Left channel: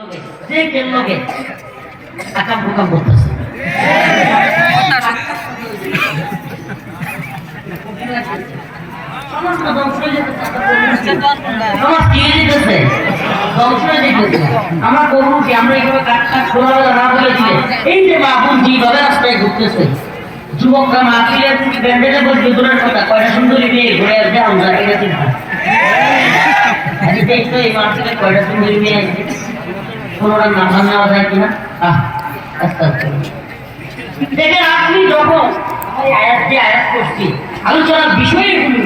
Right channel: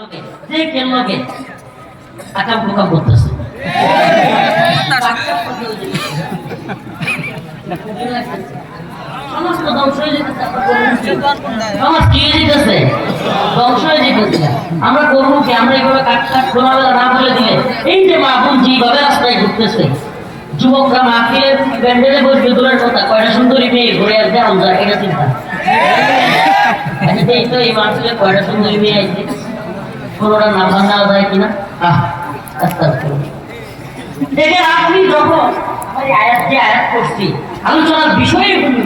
যে কেল্লকে আকাম প্রকাম করতেছে সমস্ত ধ্বংস হয়ে যেতেছে, সমাজ কি যেতেছে, ধ্বংস হয়ে যেতেছে। আমরা করবো কি? আমরা এইভাবে কাঠ কাঠ খোলাবেলা না বলে দিলে এই যে মাহবুব যেভাবে রাস্তায় ঘুরতেছে, যুবকরা মাহফিলের প্যান্ডেলে বসবে দূরের কথা, কয়টা সুন্দরী মেয়ে ঘুরে আসবে আমরা এটা চিন্তা। আচ্ছা এই তো এই মাহফিলে কয়টা সুন্দরী মেয়ে আসবে, কোনোটার নাম্বার নেওয়া যায় কিনা? আস্তে আস্তে দেখেন আপনি যখন আয়াত যে আয়াত করছি আলোচনার বিষয়ে বলি,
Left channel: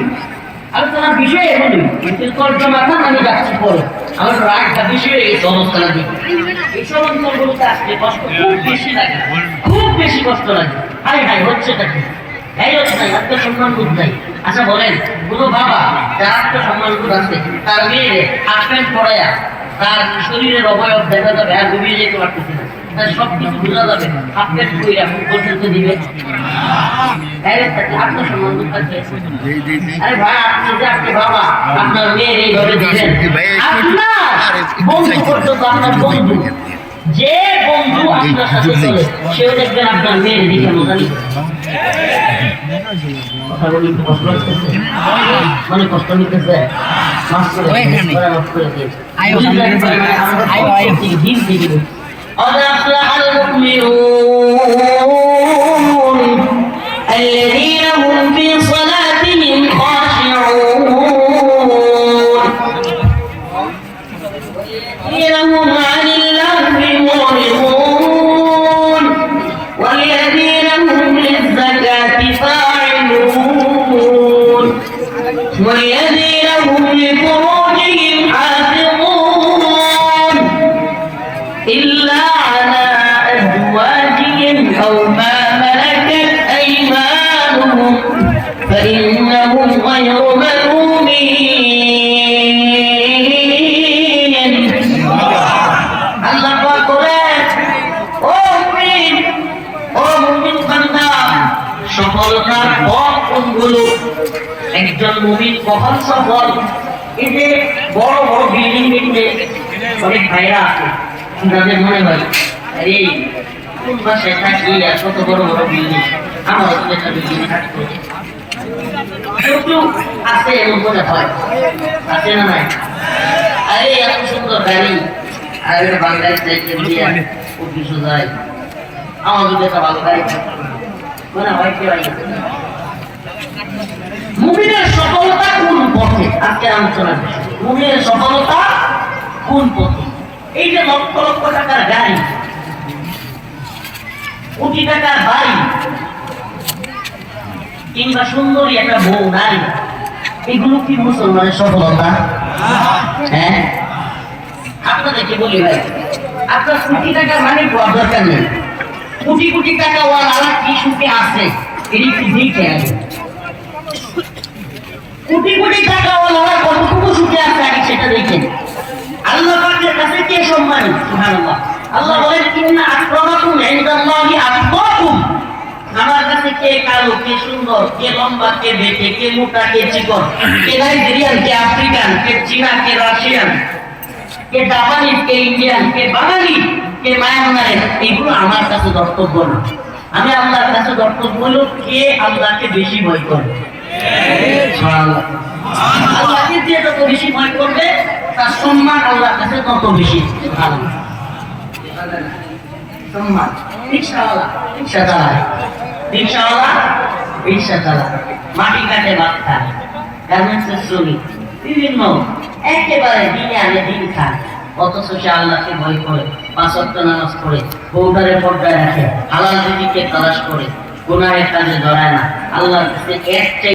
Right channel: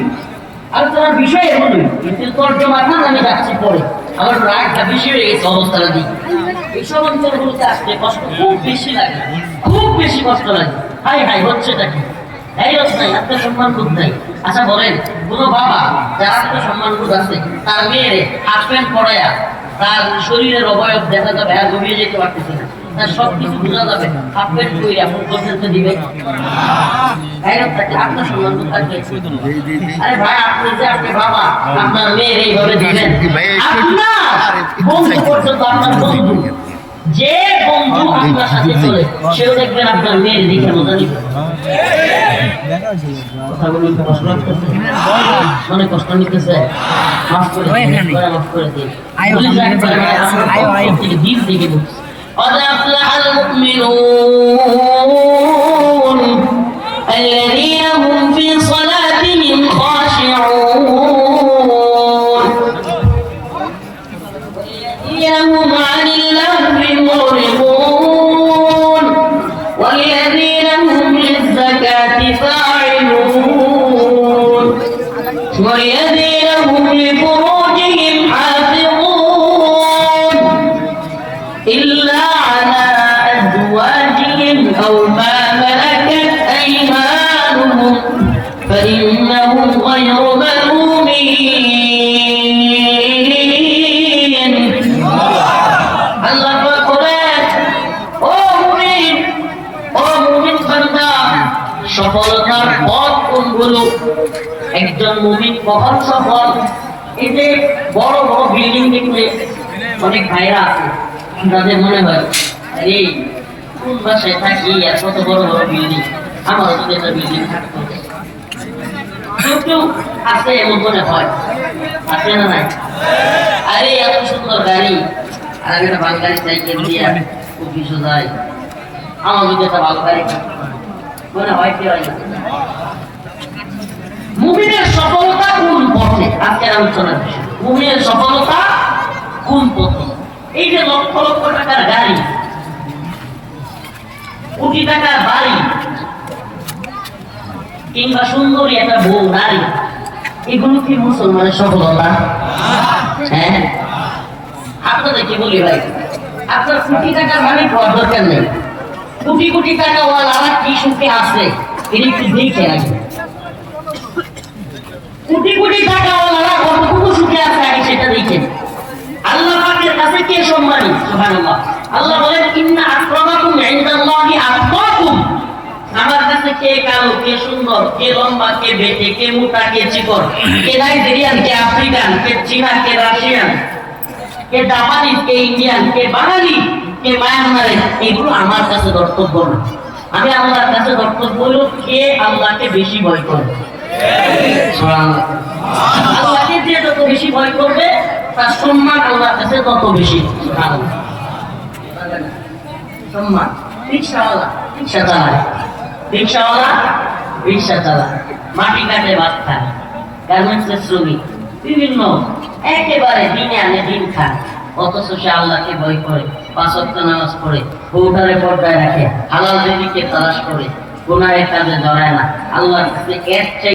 আলোচনার বিষয়ে বলি, কিন্তু তর্জমাটা আমি যাচ্ছি পরে আমার রাগটা বেশি হয়ে গেছে অবস্থাটা দিকে। এইসব অঞ্চলগুলোতে আসতে কষ্ট খুব বেশি লাগে, খুব বেশি কষ্ট লাগে। হাই হাই হচ্ছেটা কি? এই হচ্ছে নাই, আত্মসম্মানবোধ নাই। আচ্ছা বলেন, কোনো বাবা যার আত্মসম্মানবোধ আছে তার মেয়েরে হাফ প্যান্ট পরায়া তার শরীরের অবয়ব দেখা যাবে আর গড়িয়ে যেতে পারতেছে না, তার সবকিছু বোঝা যাবে, হাফ প্যান্ট পরে এখন পর্যন্ত দিবে আত্মসম্মানবোধ থাকবে? আরে ভাই আপনি যে আপনি বাবা আপনার মেয়ের এইভাবে দিবেন, আপনার বন্ধু পর্যন্ত, আপনার বন্ধু যে বন্ধু আপনার সাথে চলে সেও দেখবেন আপনার মেয়ের দিকে মজা নিচ্ছে। কথা বলি তো কষ্ট লাগতেছে, মনে কষ্ট নিতেছে, মাফ করে দিয়ে দিন দিবি। قد أفلح المؤمنون الذين هم في صلاتهم خاشعون والذين هم عن اللغو معرضون والذين هم للزكاة فاعلون والذين هم لفروجهم حافظون إلا على أزواجهم أو ما ملكت أيمانهم فإنهم غير ملومين। الله أكبر। ও মুমিন বান্দা, সফলতার পথ কোনগুলো? একজন মুমিন কখন সফল? এই যে বড় বড় বিল্ডিং দেখতে অনেক ভাইরা আছে, যাদের মনে হয় আরে কোন বাসায় থাকি আর কত বড় বড় বিল্ডিং, আমারও তো একটা বিল্ডিং থাকতো। কিন্তু আছে এমন মনে হয়, আছে না নাই? আরে এত সুন্দর গাড়ি, আর একটা বাঙালি সাইকেল দিয়ে অফিসও যায়, আমার যদি একটা বাঙালি মনে হয় কেউ আইছে। মুমিনের সফলতা কোন পথে? আজকের আলোচনার বিষয় মুমিনের সফলতা কোন পথে? এই যে লক্ষ লক্ষ টাকার গাড়ি, কোটি টাকার বাড়ি, কিংবা সুন্দরী একটা বউ নারী, এগুলো কি মুসলমানের সফলতা? হ্যাঁ, আপনাদেরকে বলি ভাই, আপনার কোটি টাকার মালিক হওয়ার দরকার নেই, কোটি কোটি টাকা ওয়ালা কি সুখে আছে এটি একটু দেখে আসবে। কোটি কোটি টাকা ওয়ালা কতটুকু সুখে আছে আগে সেটা দেখেন। আল্লাহ পাকের কাছে কে সম্মানী? সুবহানাল্লাহ। আল্লাহ বলেন ইন্না আকরামাকুম ইনদাল্লাহি আতকাকুম। আমার কাছে কে কালো, কে সুন্দর, কে লম্বা, কে বেটে, কে মোটা, কে চিকন, কে নাইজেরিয়ান, কে আফ্রিকান, কে চীনা, কে রাশিয়ান, কে জাপানি, কে ইন্ডিয়ান, কে বাঙালি, কে মায়ানমারের, এগুলো আমার কাছে কর্তব্য না। আমি আল্লাহর কাছে কর্তব্য হলো কে আল্লাহকে বেশি ভয় করে। আল্লাহকে যে যত বেশি ভয় করবে তার সম্মান আল্লাহর কাছে তত বেশি। সম্মান। রিক্সাওয়ালা রিক্সা চালায়, রিক্সাওয়ালা রিক্সা চালায়, মাটি কাটে ভাত খায়, গার্মেন্টসের শ্রমিক, বিভিন্ন একেবারে দিনে আনে দিন খায়, অথচ সে আল্লাহকে ভয় করে, 5 ওয়াক্ত নামাজ পড়ে, বউটারে পর্দায় রাখে, হালাল রিজিকের তালাশ করে, গুনাহের কাজে জড়ায় না। আল্লাহর কাছে এর